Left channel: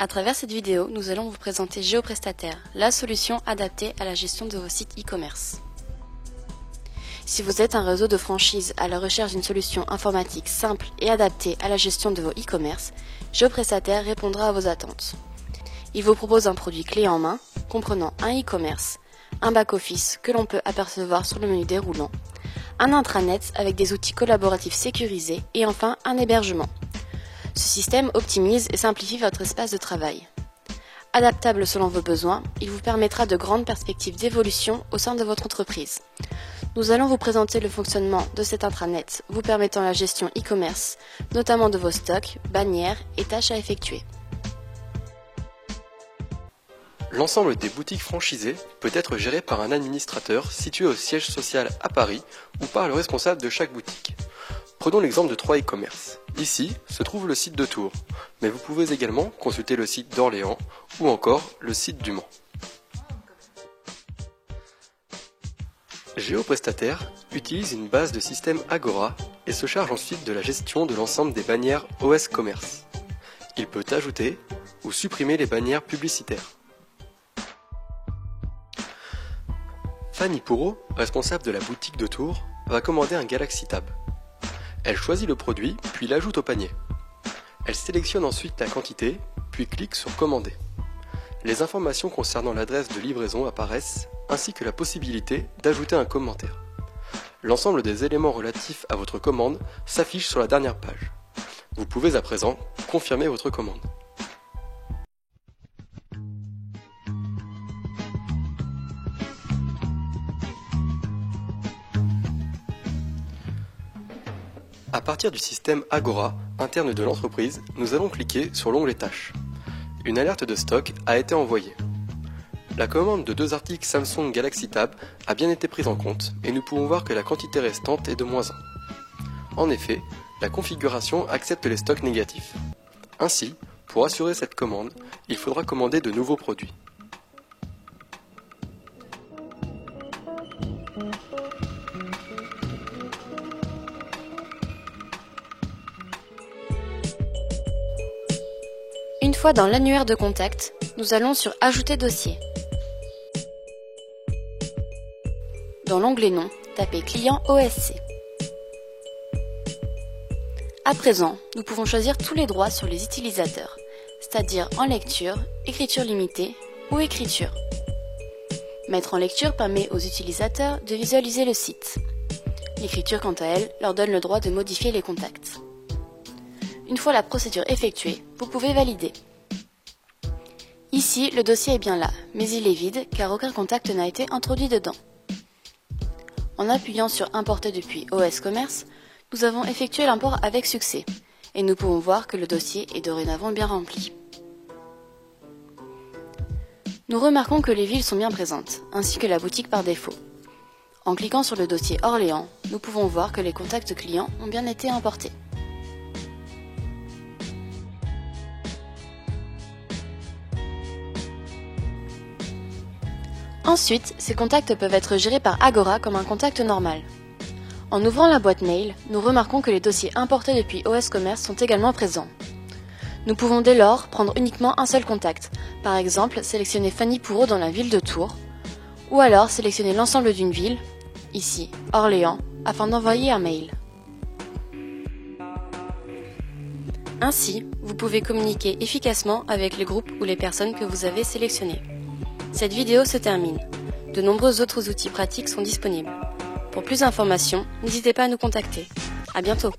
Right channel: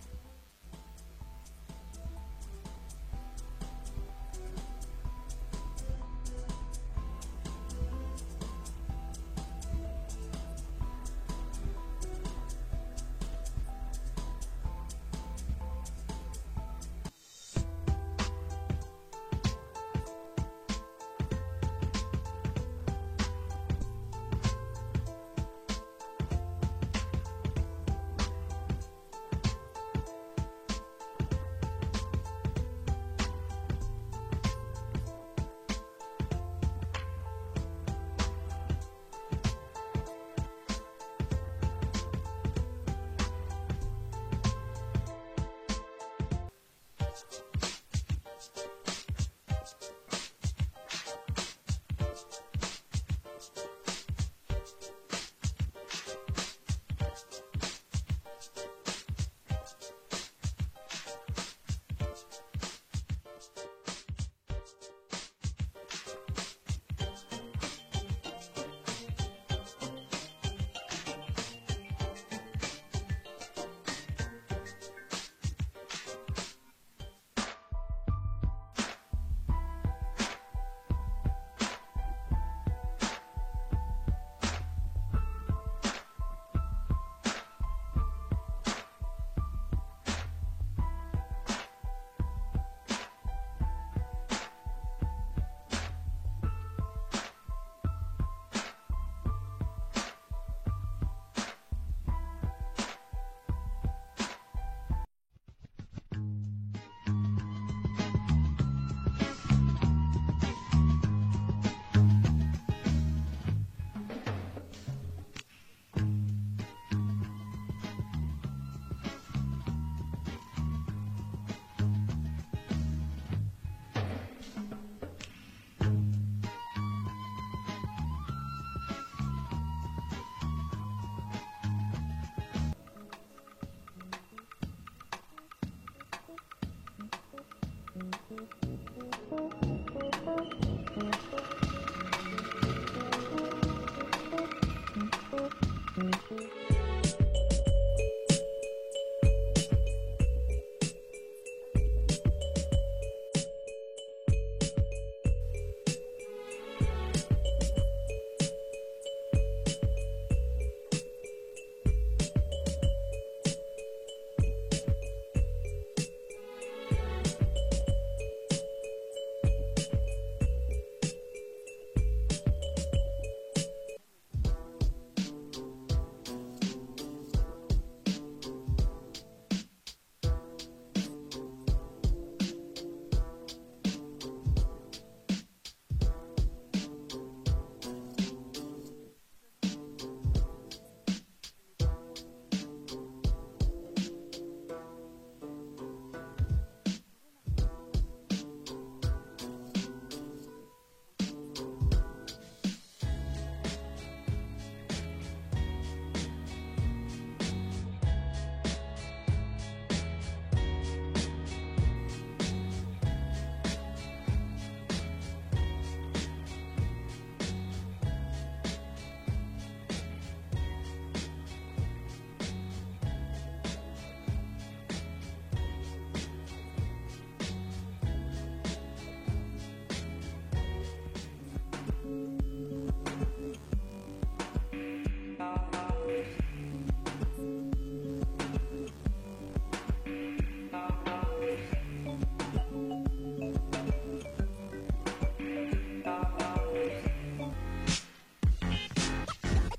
À travers cette vidéo, nous allons vous présenter GeoPrestataire, la solution adaptée à la gestion de vos sites e-commerce. Si vous êtes un réseau de franchises à la recherche d'une solution informatique simple et adaptée à la gestion de vos e-commerce, GeoPrestataire répondra à vos attentes. Il vous propose un produit clé en main, comprenant un e-commerce, un back-office que l'on peut apercevoir sur le menu déroulant, un intranet avec des outils collaboratifs sécurisés et enfin un hébergement. Ce système optimise et simplifie votre espace de travail. Adaptable selon vos besoins, il vous permettra de grandes perspectives d'évolution au sein de votre entreprise. Nous allons vous présenter le fonctionnement de cet intranet, vous permettant la gestion e-commerce, notamment de vos stocks, bannières et tâches à effectuer. L'ensemble des boutiques franchisées peut être géré par un administrateur situé au siège social à Paris ou par le responsable de chaque boutique. Prenons l'exemple de 3 e-commerce. Ici se trouve le site de Tours, mais vous pouvez également consulter le site d'Orléans ou encore le site du Mans. GeoPrestataire utilise une base de système Agora et se charge ensuite de la gestion de l'ensemble des bannières OS Commerce. Il peut ajouter ou supprimer les bannières publicitaires. Fanny Pourreau, responsable de la boutique de Tours, va commander un Galaxy Tab. Elle choisit le produit, puis l'ajoute au panier. Elle sélectionne ensuite la quantité, puis clique sur Commander. Les informations concernant l'adresse de livraison apparaissent, ainsi que la possibilité d'ajouter un commentaire. L'ensemble des éléments relatifs à votre commande s'affiche sur la dernière page. Vous pouvez à présent confirmer votre commande. À partir du système Agora, interne de l'entreprise, nous allons cliquer sur l'onglet Tâches. Une alerte de stock a été envoyée. La commande de 2 articles Samsung Galaxy Tab a bien été prise en compte et nous pouvons voir que la quantité restante est de -1. En effet, la configuration accepte les stocks négatifs. Ainsi, pour assurer cette commande, il faudra commander de nouveaux produits. Une fois dans l'annuaire de contact, nous allons sur Ajouter dossier. Dans l'onglet Nom, tapez Client OSC. À présent, nous pouvons choisir tous les droits sur les utilisateurs, c'est-à-dire en lecture, écriture limitée ou écriture. Mettre en lecture permet aux utilisateurs de visualiser le site. L'écriture, quant à elle, leur donne le droit de modifier les contacts. Une fois la procédure effectuée, vous pouvez valider. Ici, le dossier est bien là, mais il est vide car aucun contact n'a été introduit dedans. En appuyant sur Importer depuis OS Commerce, nous avons effectué l'import avec succès et nous pouvons voir que le dossier est dorénavant bien rempli. Nous remarquons que les villes sont bien présentes, ainsi que la boutique par défaut. En cliquant sur le dossier Orléans, nous pouvons voir que les contacts clients ont bien été importés. Ensuite, ces contacts peuvent être gérés par Agora comme un contact normal. En ouvrant la boîte mail, nous remarquons que les dossiers importés depuis OS Commerce sont également présents. Nous pouvons dès lors prendre uniquement un seul contact, par exemple sélectionner Fanny Pourreau dans la ville de Tours, ou alors sélectionner l'ensemble d'une ville, ici Orléans, afin d'envoyer un mail. Ainsi, vous pouvez communiquer efficacement avec les groupes ou les personnes que vous avez sélectionnés. Cette vidéo se termine. De nombreux autres outils pratiques sont disponibles. Pour plus d'informations, n'hésitez pas à nous contacter. À bientôt.